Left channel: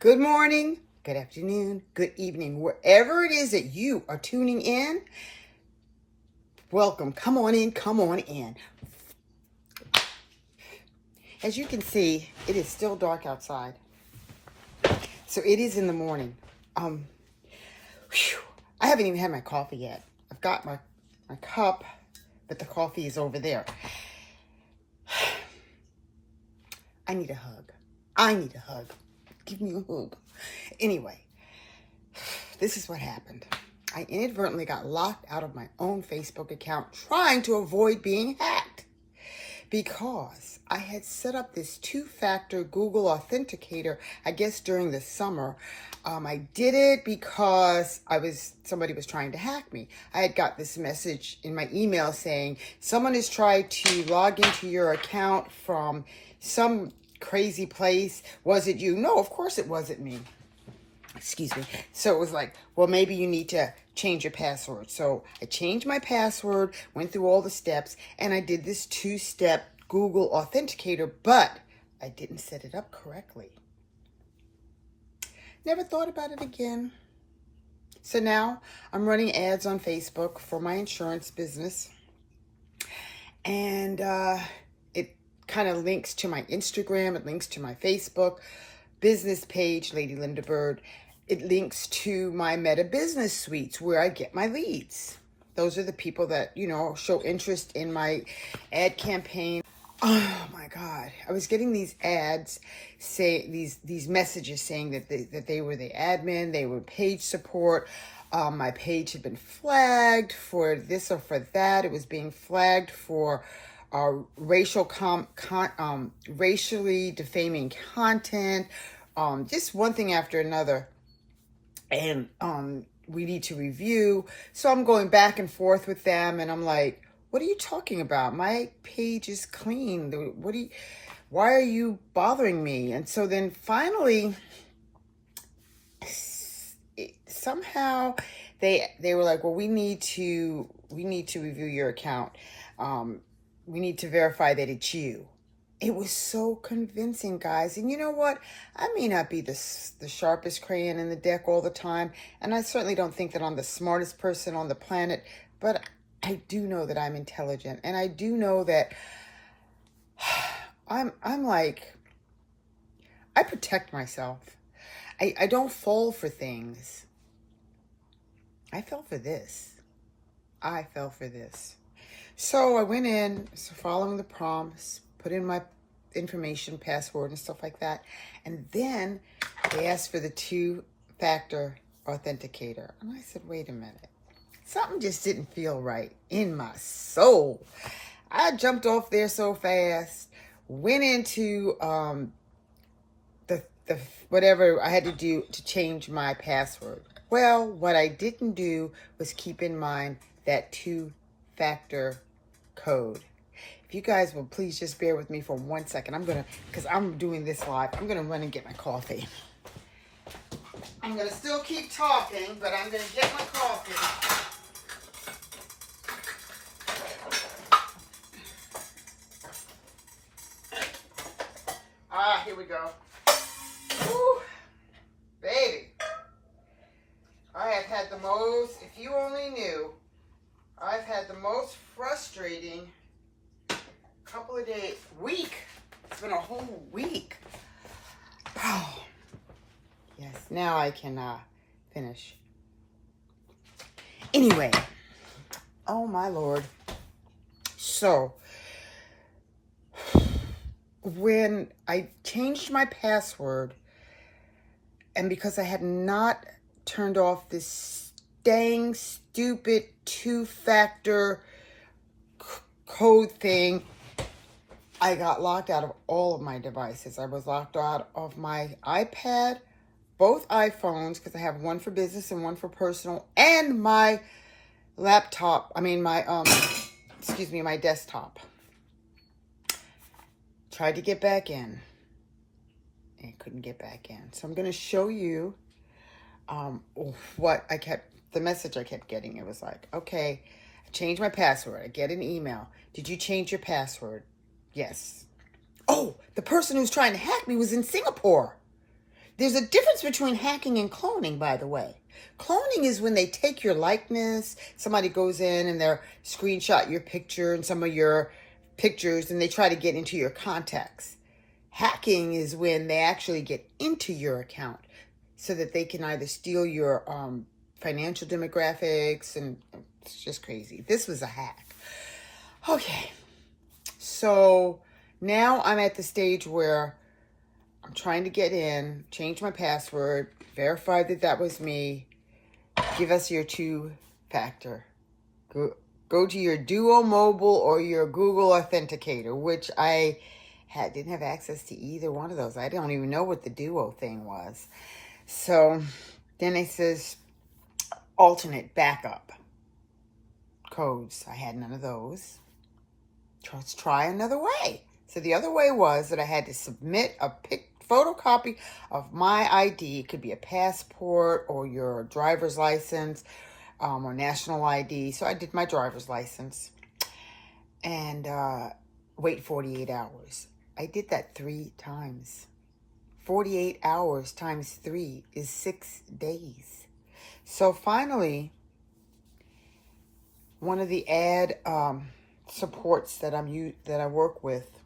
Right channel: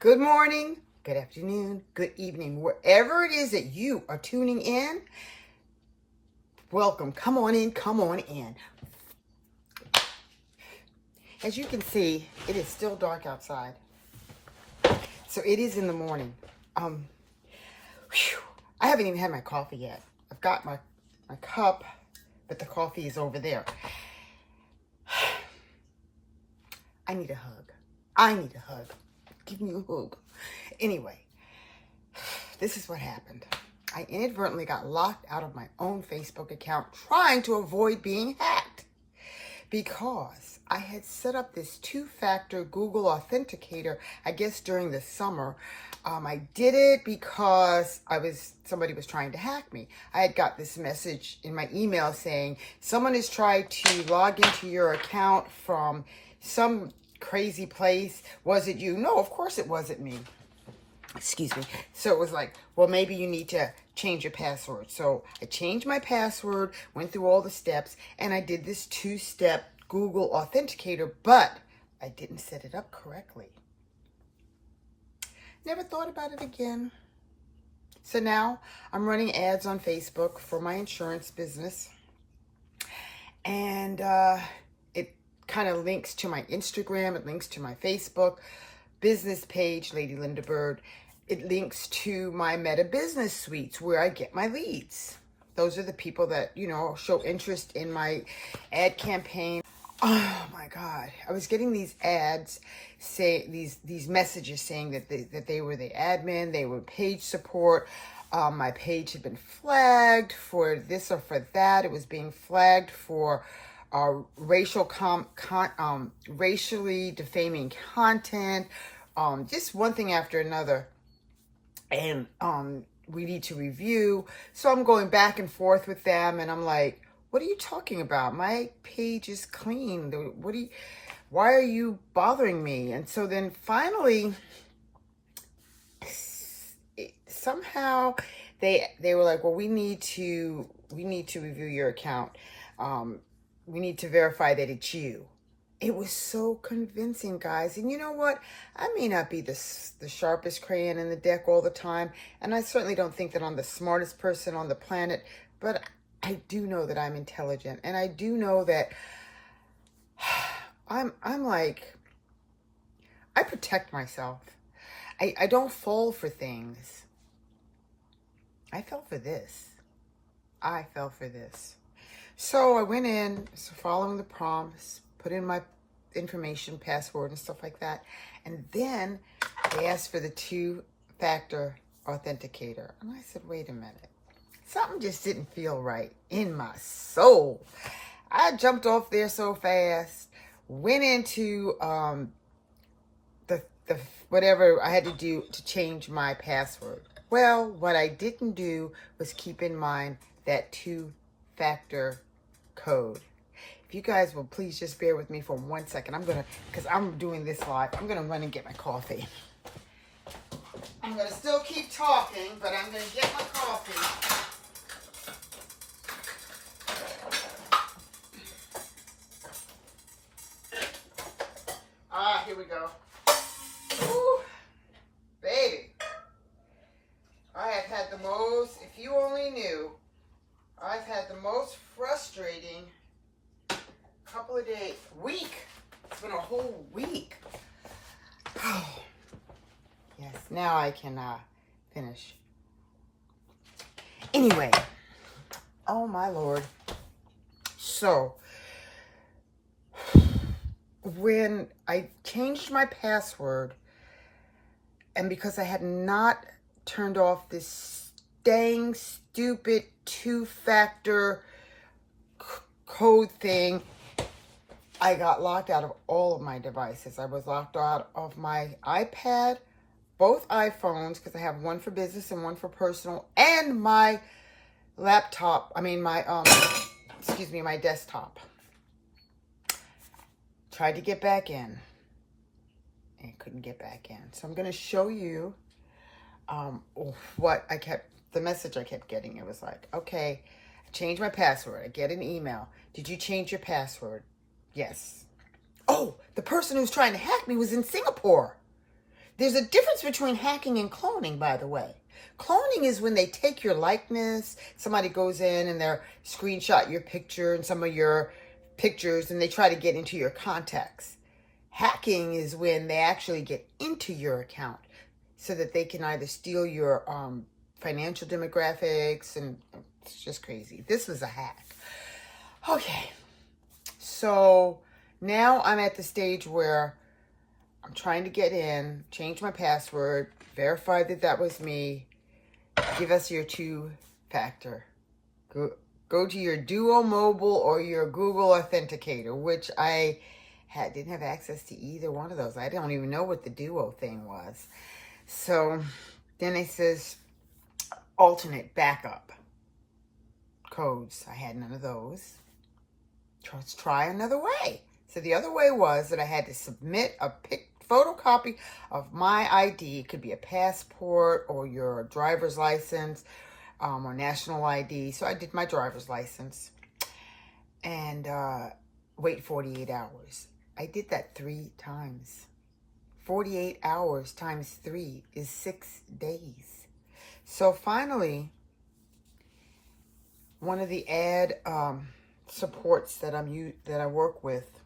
Good morning, good afternoon, good evening, wherever it is that you are tuning in. Welcome. Come on in, come on in. As you can see, it is still dark outside. So it is in the morning. I haven't even had my coffee yet. I've got my cup, but the coffee is over there. I need a hug. Give me a hug. Anyway, this is what happened. I inadvertently got locked out of my own Facebook account trying to avoid being hacked because I had set up this two-factor Google Authenticator, I guess during the summer. I did it because somebody was trying to hack me. I had got this message in my email saying, someone has tried to log into your account from some crazy place. Was it you? No, of course it wasn't me. Excuse me. So it was like, well, maybe you need to change your password. So I changed my password, went through all the steps, and I did this two-step Google Authenticator, but I didn't set it up correctly. Never thought about it again. So now I'm running ads on Facebook for my insurance business. And it kind of links to my Instagram. It links to my Facebook business page, Lady Linda Bird. It links to my Meta Business Suites where I get my leads. Those are the people that, show interest in my ad campaign. Oh my God. I was getting these ads, these messages saying that they were the admin, they were page support. My page had been flagged for this or for that. It was being flagged for racially defaming content, just one thing after another. And we need to review. So I'm going back and forth with them, and I'm like, what are you talking about? My page is clean. Why are you bothering me? And so then finally, somehow they were like, well, we need to review your account. We need to verify that it's you. It was so convincing, guys. And you know what? I may not be the sharpest crayon in the deck all the time, and I certainly don't think that I'm the smartest person on the planet, but I do know that I'm intelligent, and I do know that I'm like, I protect myself. I don't fall for things. I fell for this. So I went in, following the prompts, put in my information, password, and stuff like that. And then they asked for the two-factor authenticator. And I said, wait a minute. Something just didn't feel right in my soul. I jumped off there so fast, went into the whatever I had to do to change my password. Well, what I didn't do was keep in mind that two-factor code. If you guys will please just bear with me for 1 second. Because I'm doing this live, I'm going to run and get my coffee. I'm going to still keep talking, but I'm going to get my coffee. Here we go. Woo, baby. I have had the most, if you only knew, I've had the most frustrating couple of days, week. It's been a whole week. Oh, yes, now I can finish. Anyway, oh my Lord. So, when I changed my password, and because I had not turned off this dang stupid two-factor code thing, I got locked out of all of my devices. I was locked out of my iPad, both iPhones, because I have one for business and one for personal, and my laptop, my desktop. Tried to get back in, and couldn't get back in. So I'm going to show you the message I kept getting. It was like, okay, I changed my password. I get an email. Did you change your password? Yes. Oh, the person who's trying to hack me was in Singapore. There's a difference between hacking and cloning, by the way. Cloning is when they take your likeness, somebody goes in and they're screenshot your picture and some of your pictures and they try to get into your contacts. Hacking is when they actually get into your account so that they can either steal your financial demographics, and it's just crazy. This was a hack. Okay, so now I'm at the stage where I'm trying to get in, change my password, verify that that was me. Give us your two-factor. Go to your Duo Mobile or your Google Authenticator, which I didn't have access to either one of those. I don't even know what the Duo thing was. So then it says alternate backup codes. I had none of those. Let's try another way. So the other way was that I had to submit a photocopy of my ID. It could be a passport or your driver's license or national ID. So I did my driver's license and wait 48 hours. I did that 3 times. 48 hours times 3 is 6 days. So finally, one of the ad supports that I work with,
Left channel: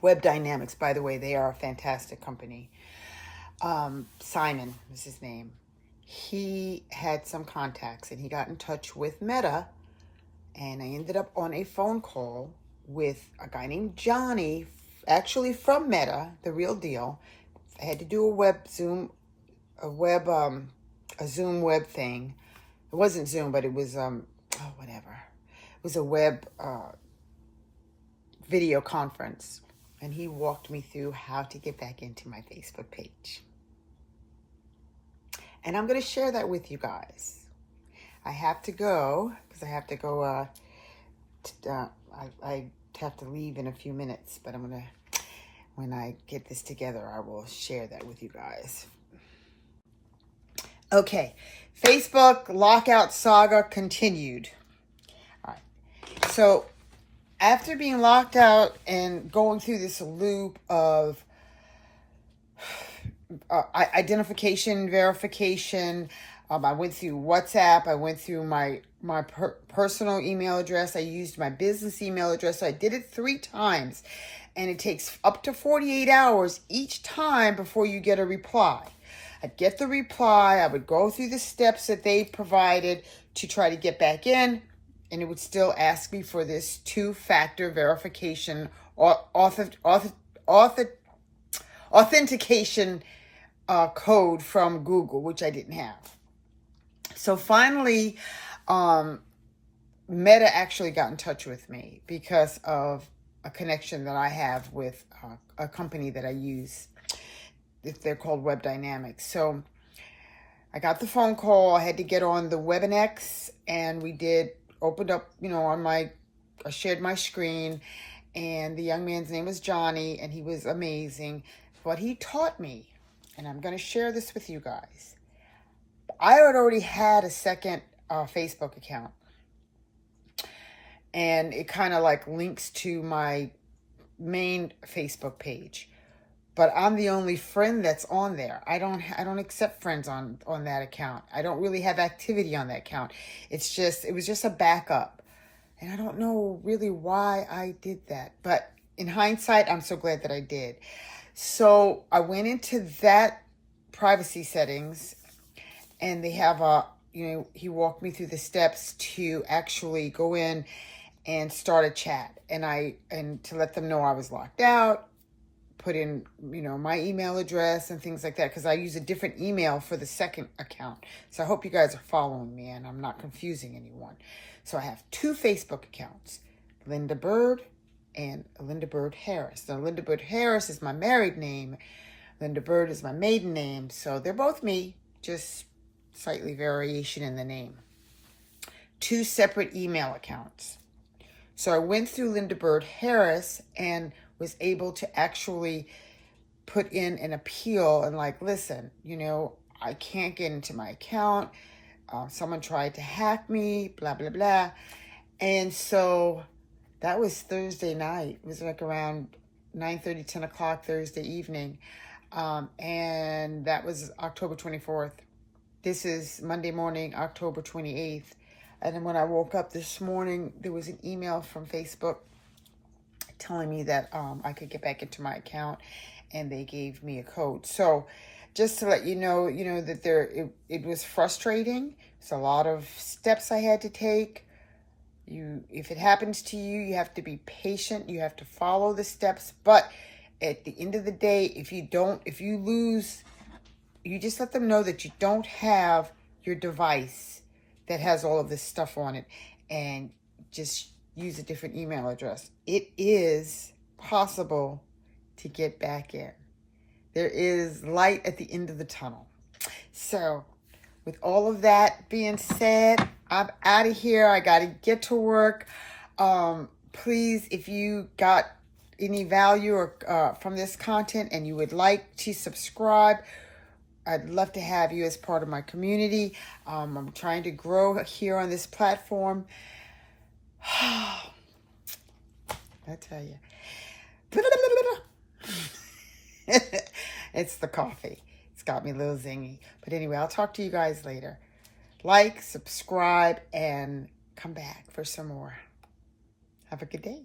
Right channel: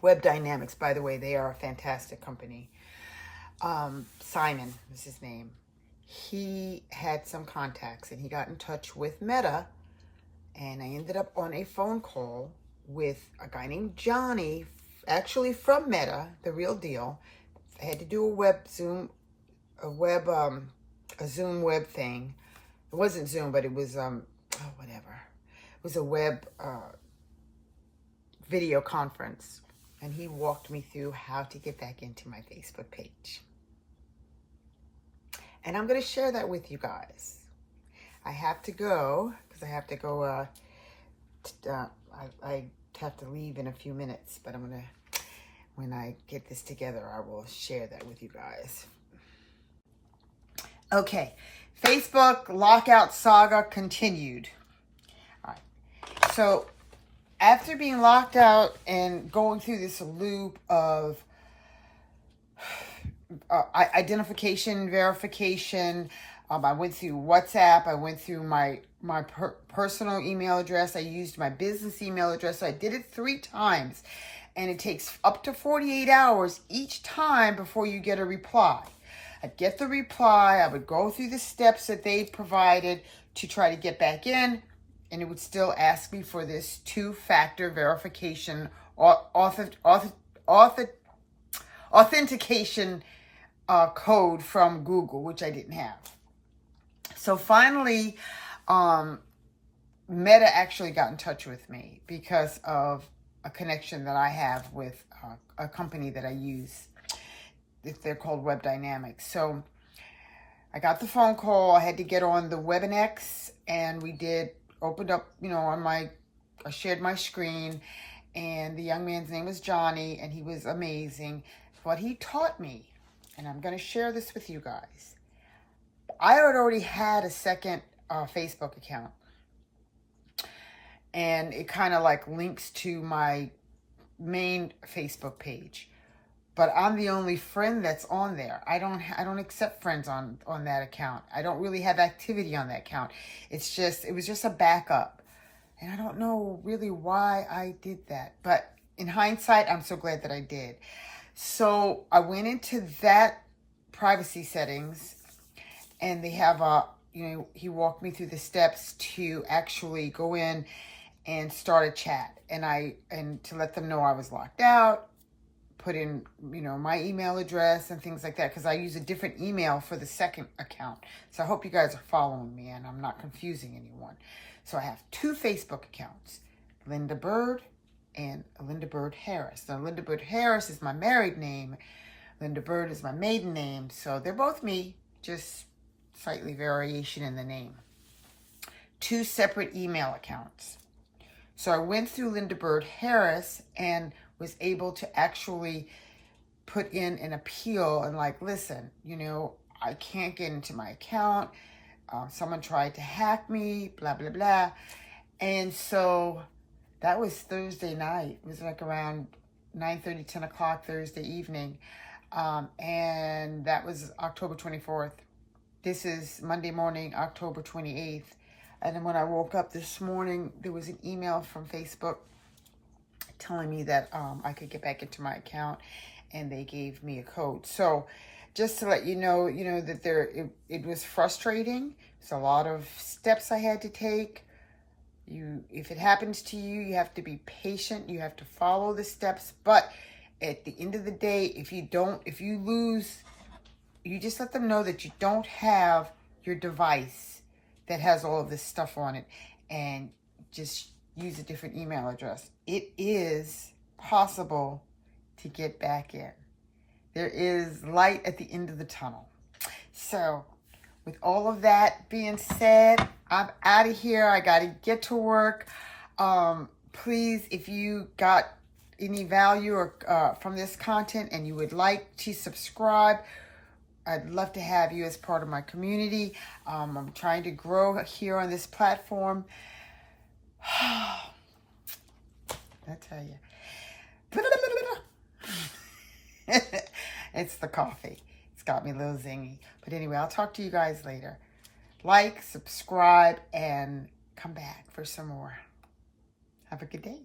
Web Dynamics, by the way, they are a fantastic company. Simon was his name. He had some contacts and he got in touch with Meta, and I ended up on a phone call with a guy named Johnny, actually from Meta, the real deal. I had to do a Zoom web thing. It wasn't Zoom, but it was whatever. It was a web video conference. And he walked me through how to get back into my Facebook page. And I'm going to share that with you guys. I have to go, because I have to go, I have to leave in a few minutes, but I'm going to, when I get this together, I will share that with you guys. Okay, Facebook lockout saga continued. All right, so after being locked out and going through this loop of identification, verification, I went through WhatsApp, I went through my personal email address, I used my business email address, so I did it 3 times, and it takes up to 48 hours each time before you get a reply. I'd get the reply, I would go through the steps that they provided to try to get back in, and it would still ask me for this 2-factor verification, authentication code from Google, which I didn't have. So finally, Meta actually got in touch with me because of a connection that I have with a company that I use. They're called Web Dynamics. So I got the phone call. I had to get on the WebNX, and we opened up, I shared my screen, and the young man's name was Johnny, and he was amazing. What he taught me, and I'm going to share this with you guys. I had already had a second Facebook account, and it kind of like links to my main Facebook page. But I'm the only friend that's on there. I don't accept friends on that account. I don't really have activity on that account. It was just a backup. And I don't know really why I did that. But in hindsight, I'm so glad that I did. So I went into that privacy settings, and they have he walked me through the steps to actually go in and start a chat. And to let them know I was locked out, put in, my email address and things like that, because I use a different email for the second account. So I hope you guys are following me and I'm not confusing anyone. So I have 2 Facebook accounts, Linda Bird and Linda Bird Harris. Now, Linda Bird Harris is my married name. Linda Bird is my maiden name. So they're both me, just slightly variation in the name. 2 separate email accounts. So I went through Linda Bird Harris and was able to actually put in an appeal and listen, I can't get into my account. Someone tried to hack me, blah, blah, blah. And so that was Thursday night. It was around 9:30, 10 o'clock Thursday evening. And that was October 24th. This is Monday morning, October 28th. And then when I woke up this morning, there was an email from Facebook telling me that I could get back into my account, and they gave me a code. So just to let you know that it was frustrating. It's a lot of steps I had to take. If it happens to you, you have to be patient. You have to follow the steps. But at the end of the day, if you lose, you just let them know that you don't have your device that has all of this stuff on it, and just use a different email address. It is possible to get back in. There is light at the end of the tunnel. So with all of that being said, I'm out of here. I got to get to work. Please, if you got any value or from this content and you would like to subscribe, I'd love to have you as part of my community. I'm trying to grow here on this platform. I tell you. It's the coffee. It's got me a little zingy. But anyway, I'll talk to you guys later. Like, subscribe, and come back for some more. Have a good day.